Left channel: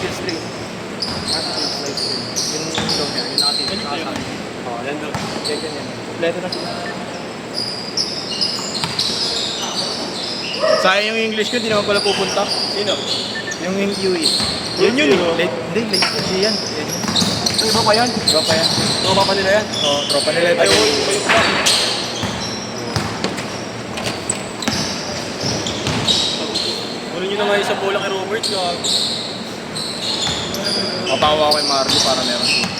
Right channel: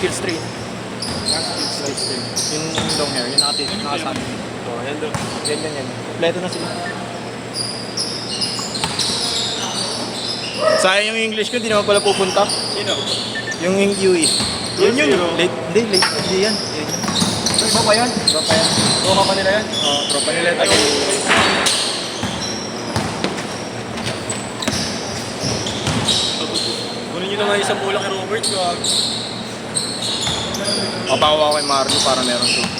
skill straight. Skill straight. Yung long hair, yung nakasama. Oo, yan doon. Yan. Kompleto na sila. Sayang yung English ko, hindi naman pala pupunta. Sino? Yung UE. Yun. Late. Hindi yan. Yan. Iba pa yun? Iba pa yan. Tropa pa nila yan? Oo, tropa nila yung Kunin nyo naman isang bola kay Robert. Papawa kay Marco para meron siya.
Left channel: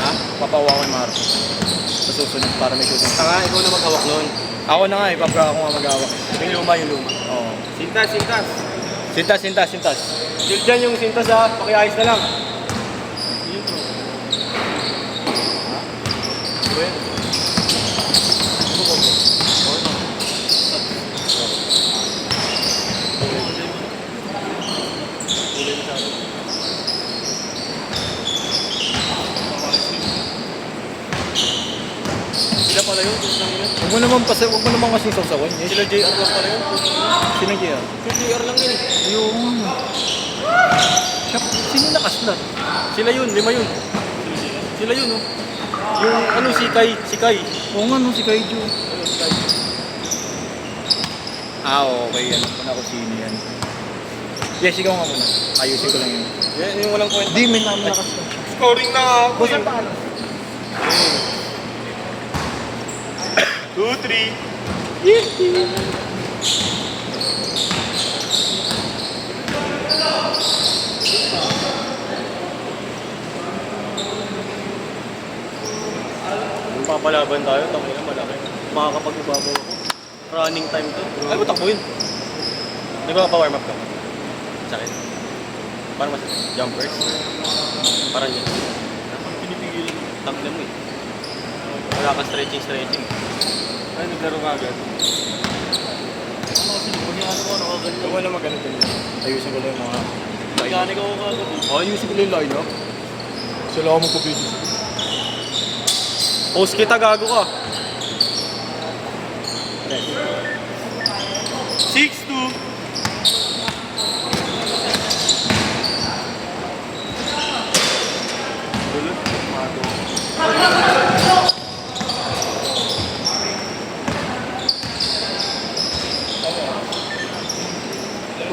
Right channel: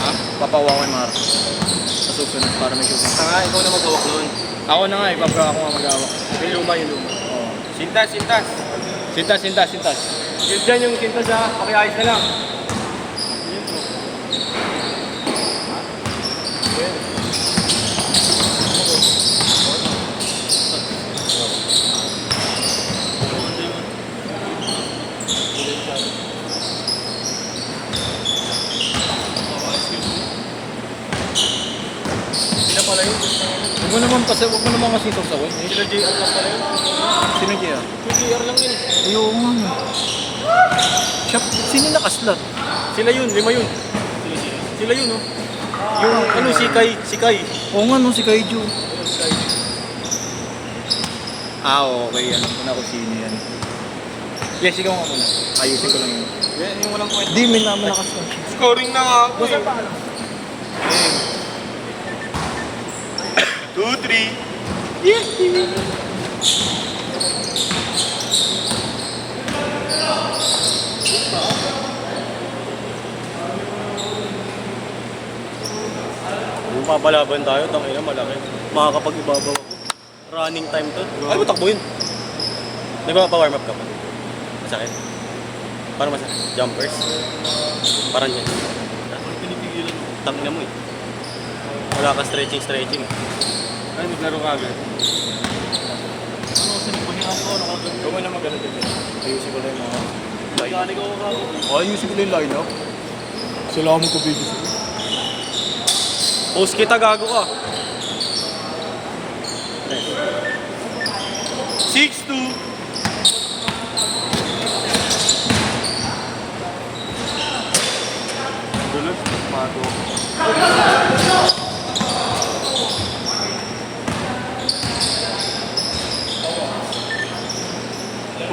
Ha? Papawa kay Marco. Sa susunod para may susunod. Saka ikaw na mag-awak noon. Ako na nga, ipaprank ako nga mag-awak. Yung luma, yung luma. Oo. Sintas. Sintas. Shield dyan yung sintas ha. Pakiayos na lang. Huwag mo naman kasi sasawin. Sila J. Acosta rin. Sino kaya? Yung JR lang yun eh. Yung... Sino nakaslot? Sila yun, 5 yun. Sila yun oh. Yung ano, si Kai. Oo nga, si Kaiju. Ayun, si Kai. Okay. Alam ko na kung sino yan. Yes, ikaw nga muna. Ayusin ko lang yun. Yan, yung walang point. Di, may naman nakaslot. Scoring na nga ako Basta pa alam. 2-3. Kung papalaban tayo, tangin na malaki. Makakapag-ibabaw. Running time to. Ay, matakbo yun. Nagpapa-warm up ka. Sa akin. Para mas jumpers. Parang yan. Pinipigilan mo. Tangin na mo eh. Kaya ka stretching. Ay, naglaro ka agad. Ano kasi nagpahingaan ko, nakaganyan. Huwag mo na magano din. Ayusin ko lang yung mga... Pagkani ko ako agad. Ayusin ko lang yung line-up. Sila ako magka-video. Post kita, gago ka. 6-2.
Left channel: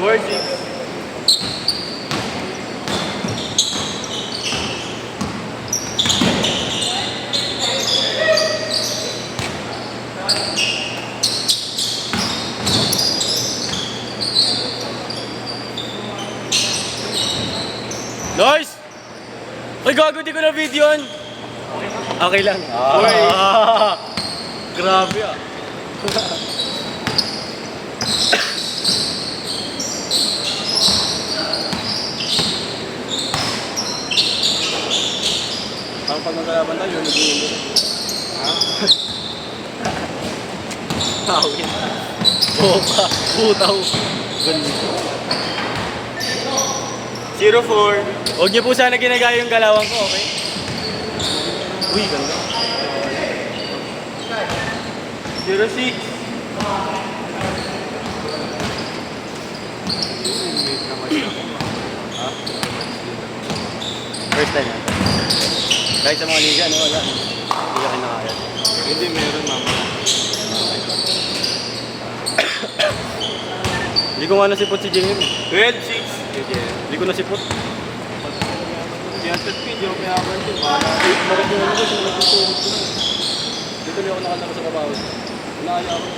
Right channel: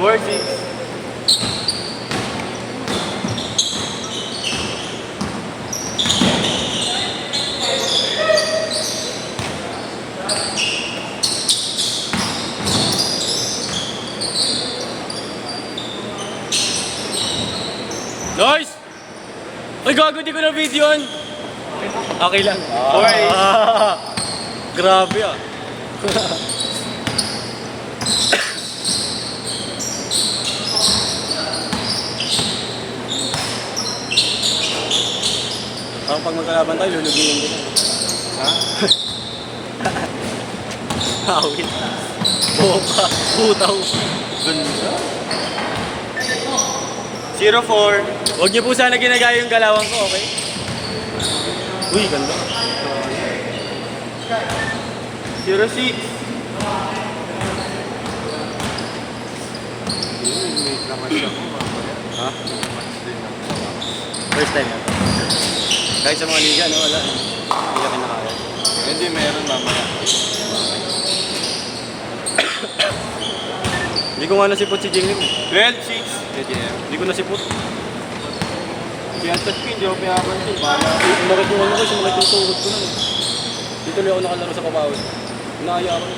Where's it? Nice! Ay, gago, di ko na video yun. Okay lang. Grabe ah. Pag magkalaban tayo, lulubingin din. Tawin. Boka. Putaw. 0-4. Huwag niyo po sana ginagaya yung galawang ko, okay? Uy, ganda. 0-6. First time yan. Kahit sa mga liga, no, wala. Hindi ka kinakaya. Hindi, meron mamaya. Hindi ko nga nasipot si Jingin. 12-6. Hindi ko nasipot. Siyatat ko, hindi ako kaya ako. Makakuha ko siya, nagtutulog ko na. Dito lang ako nakataka sa kabaw. Nakaya ako.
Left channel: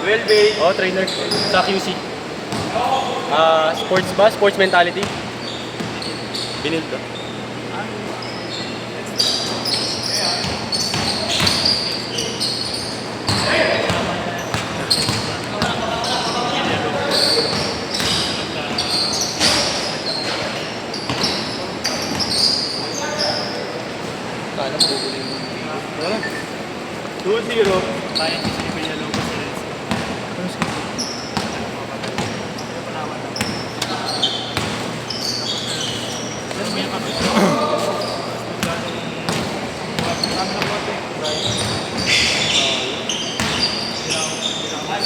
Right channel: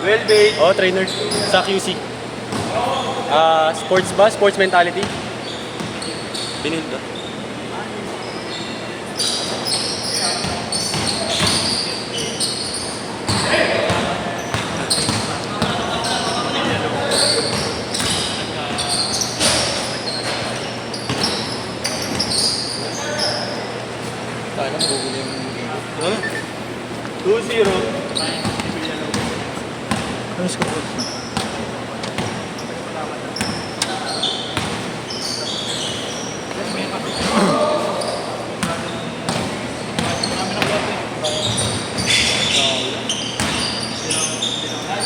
Well, babe. Oh, trainer. Sa QC. Sports ba? Sports mentality? Binig ba? Sana magugulo yung 2-0. Kaya, Ang script.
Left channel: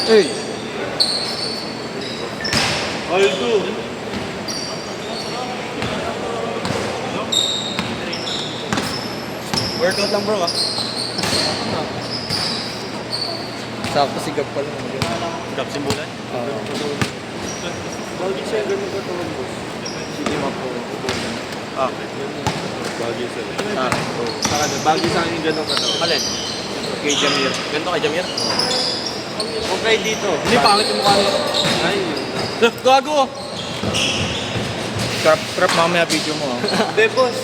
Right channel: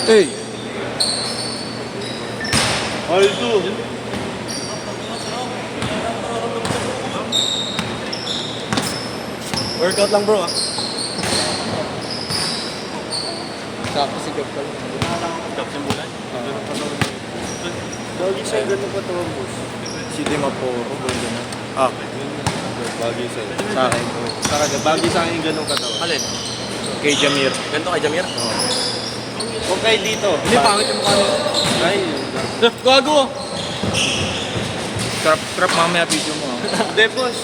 Hey! Aldo. Workout lang bro ah. Sakto sigap pa lang. Stop simbulan. Lagi siya yung ganun katawan mo. Sige mo po. Ah. Bagay sa'yo. Sa akin. Saka bagay sa akin yung ganun katawan. Alin? Kay Jamir. Ganito kay Jamir? Okay dito. Hindi, pangit yung mukha niya. Ay. Gago! Trap mamaya video mo. Hindi boss.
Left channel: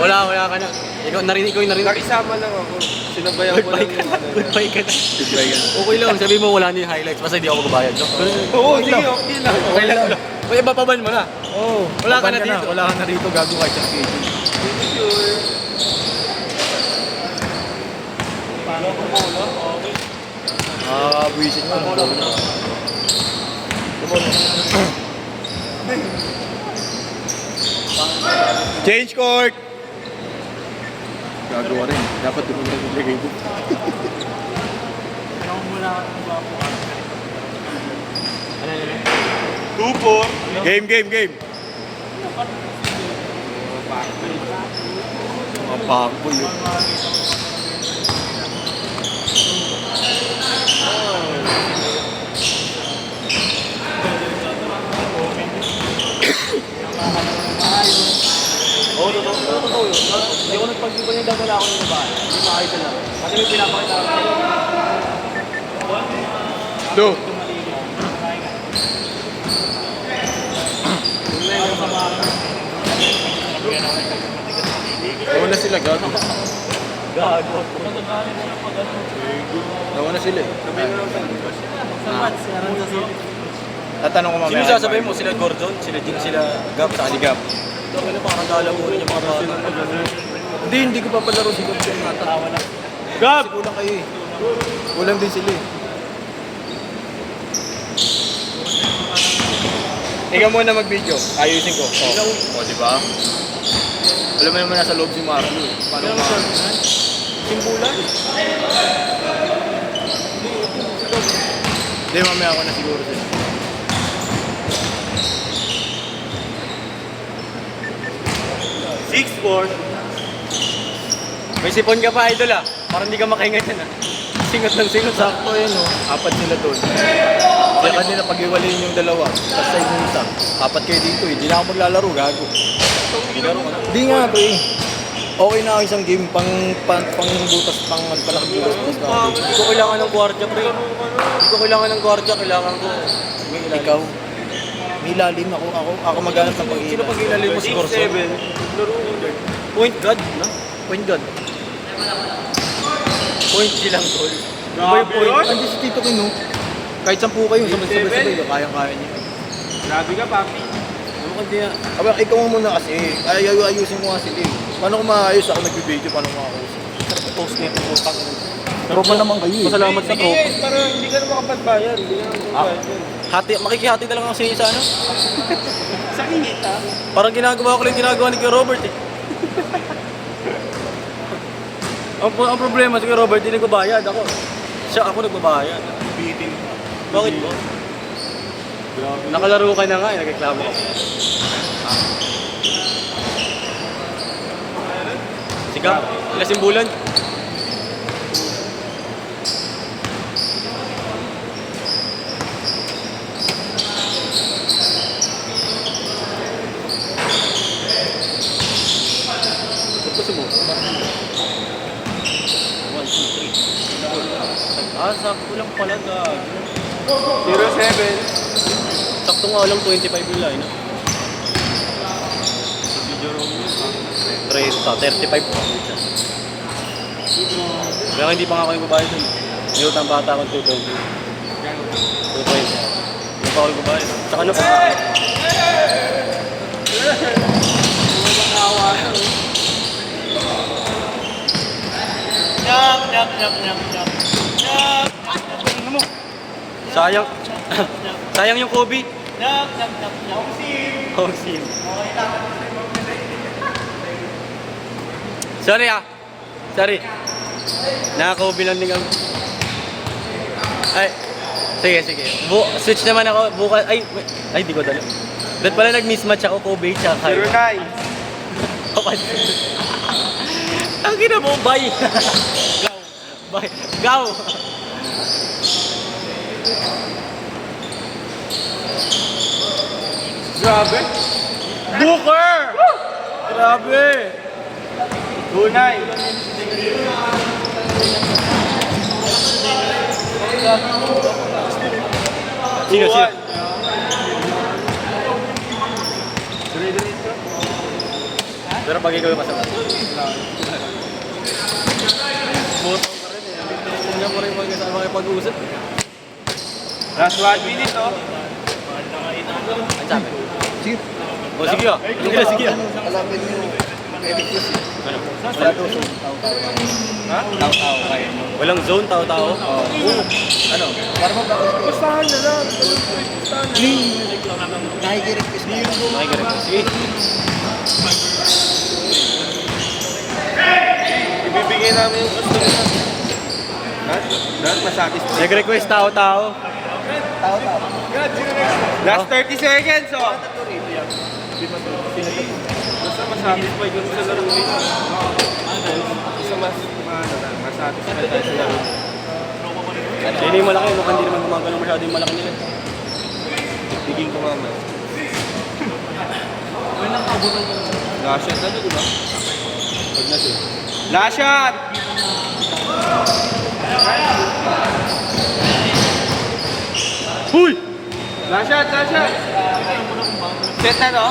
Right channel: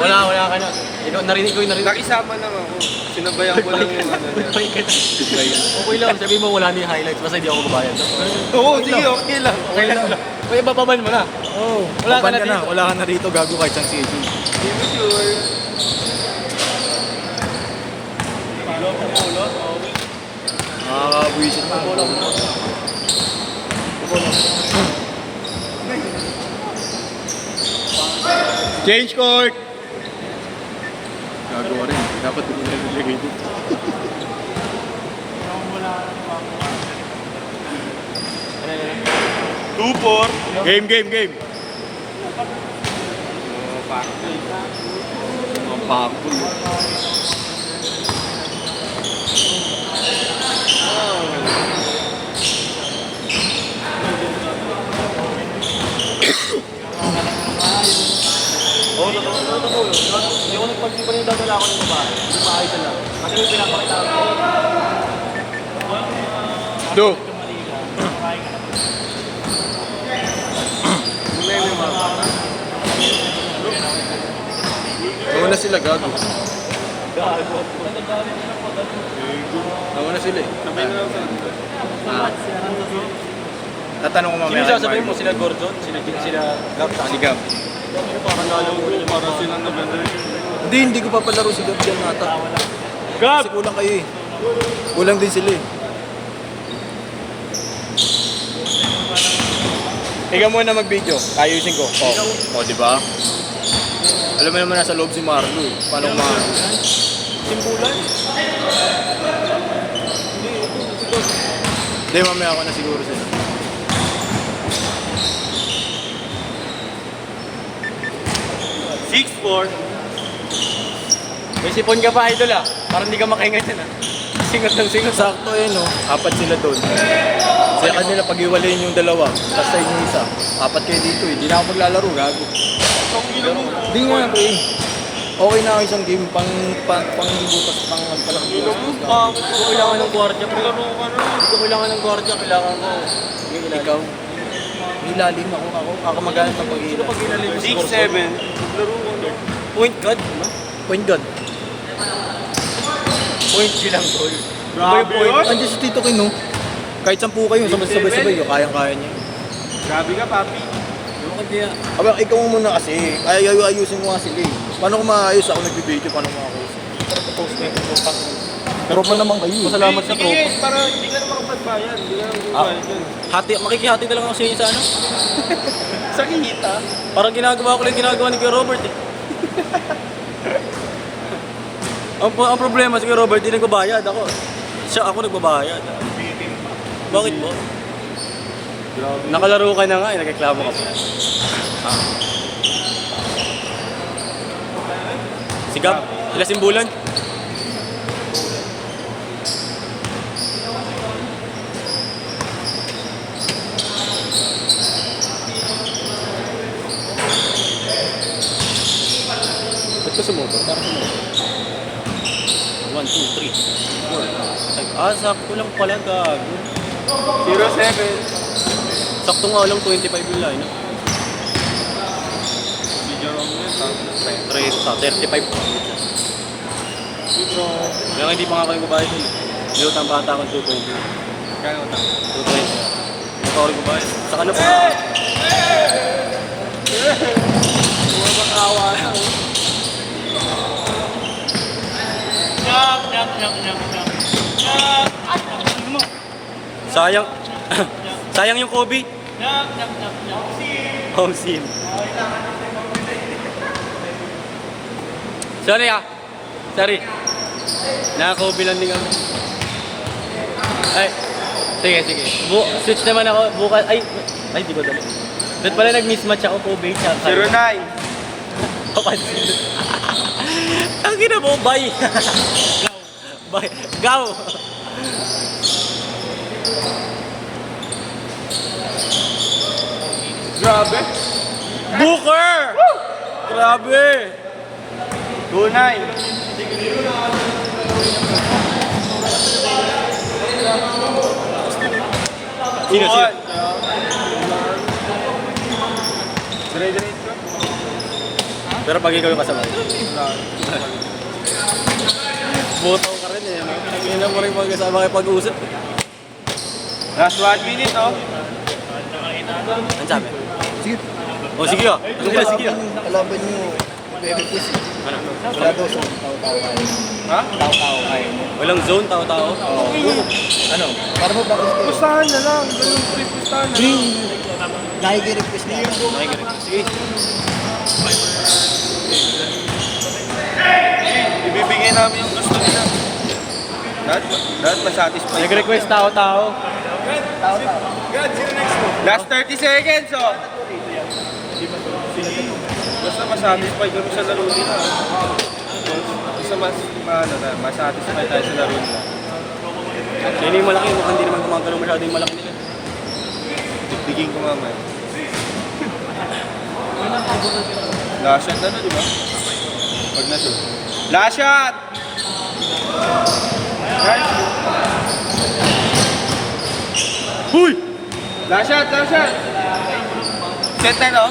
Wala ka na. Ikaw, narinig ko yung narinig. Nakisama lang ako. Sinabayan ko lang yung ano. Nagpay ka na. Okay lang, sabi mo wala na yung highlights. Basta hindi ako babayad. Oo, sige. Okay lang. Okay lang. Pwede ba paban mo na? Oo. Wala ka na dito. Wala ka na rito. Gago kahit sa CG. Nakakabuisit mo. Change court! Gagawa rin. Dapat doon na naglagay doon. Game. Mga pakbol. Oo, totoo yun. Hindi ako nagpag-iba niya dadala ako ng babae. Hindi makakita lang. Kasi may pinapakita ako. Do. Nauna sila, gago. Nauna sila eh. Tatanong ko mamaya. Sino sasabihin mo? Sila Gordon? Sila Jing? Sila Gab? Sa Aligab. Pakakala mo para silang nag-ano. Hindi ko papalaro si Gab dyan nata. Gab! Kasi kulang kayo eh. Kulang din sila eh. Ikaw muna mag-video. Ayusin ko. O, diba? Alam mo naman nasa loob si Marlo eh. Paano ba? Simbulan? Hindi, mamaya ako na siguro sila. May sipon ka pa, idol ah. Parang hindi ka makahinga yan ah. Singot ng singot ah. Sakto yun oh. Apat sila doon. Sa kanila pag-iwalayin yung dalawa. Tapos sa yung isa. Apat kayo dito eh. Hindi na ako maglalaro, gago. Hindi nga pre. Okay na ako isang game pang butas pang magpalaki butas. Hindi ko kailangan ng gwardiya, pre. Hindi ko kailangan ng gwardiya. Kailangan ko. Ikaw. Nilalim ako maghanap ng pag-iwalay. Sino pag ilalim mo si Corso? Point guard, no? Point guard. Point G lang, tol. Iba yung point. Andiyan si Tito King no? Kahit 10 kayo, sabay-sabay, kayang-kaya niyo. Grabe ka, papi. Ano ka diya? Aba, ikaw muna kasi. Ayusin mo nga sila eh. Paano ko maayos ako nagbibideo? Paano mo ako? Post niya. Tropa naman kayo eh. Pasalamat sa tropa. Pero hindi ka naman kapagbayan. Hindi ka naman kapagbayan. Makikihati ka lang ako sa ano. Sa kinita. Parang ginagawa ko lang yung ginagawa ni Kuya Robert eh. ang problema si Kuya Robert, hindi nagbabayad ako. Ako nagbabayad. Bakit mo? Nakalaro ka na nga, nagreklamo ka pa. Sigap, ilas yung bulan. Ba't kasi mo? 1, 2, 3. Sakto lang pala gagi. 0-7. Sakto nga lang 25 yung line. Sa 35 po. Kaya hindi pa nga kayo babae dun. Meron ang bata akong 220. 220. Hindi pa ako babae. Sa kanya pa. Sayang. Sayang yung Kobe. Home seal. Sorry ah. Sorry. Naka-Kobe lang din ako. Ay. Sige. Switch naman ako. Bukas. Ay, di ko dala. Ba't pala nag-mismatch ako, Kobe, tsaka. 09. Ang gina mo, bye. Bye. Go. Grabe. Booker! Grabe. 29. Sino? Pero pag ikaw yung kasama. Botong ka rin eh. Hindi mo rin magkasama kayo pag-uusap. Last 1 minute, oh. Ang sabi? Sige. O sige ah. Sige ah. Alamin nyo. Ano? Wala daw siya. Ha? Tao-tao kayo. Walang zone, tao-tao. Oo. Ano? Para mo ba? Pustahan na lang. Pustahan na lang. Nakikiripis na yun. Nakikiripis. Ibibigay namin yung gusto nila. Lahat masatisfied. Nag-request tao-tao. Last 30 seconds, oh. Basta masatisfied kami sa laro nito. Isa masatisfied tayo sa laro nito. Sino yung malaki? Mukhang hindi naman gumagano masyado yung malaki nila. Biging ko mamaya. Last shot na to, di ba? Pag na-shoot. Last shot! Huy! Last shot! Set na, no?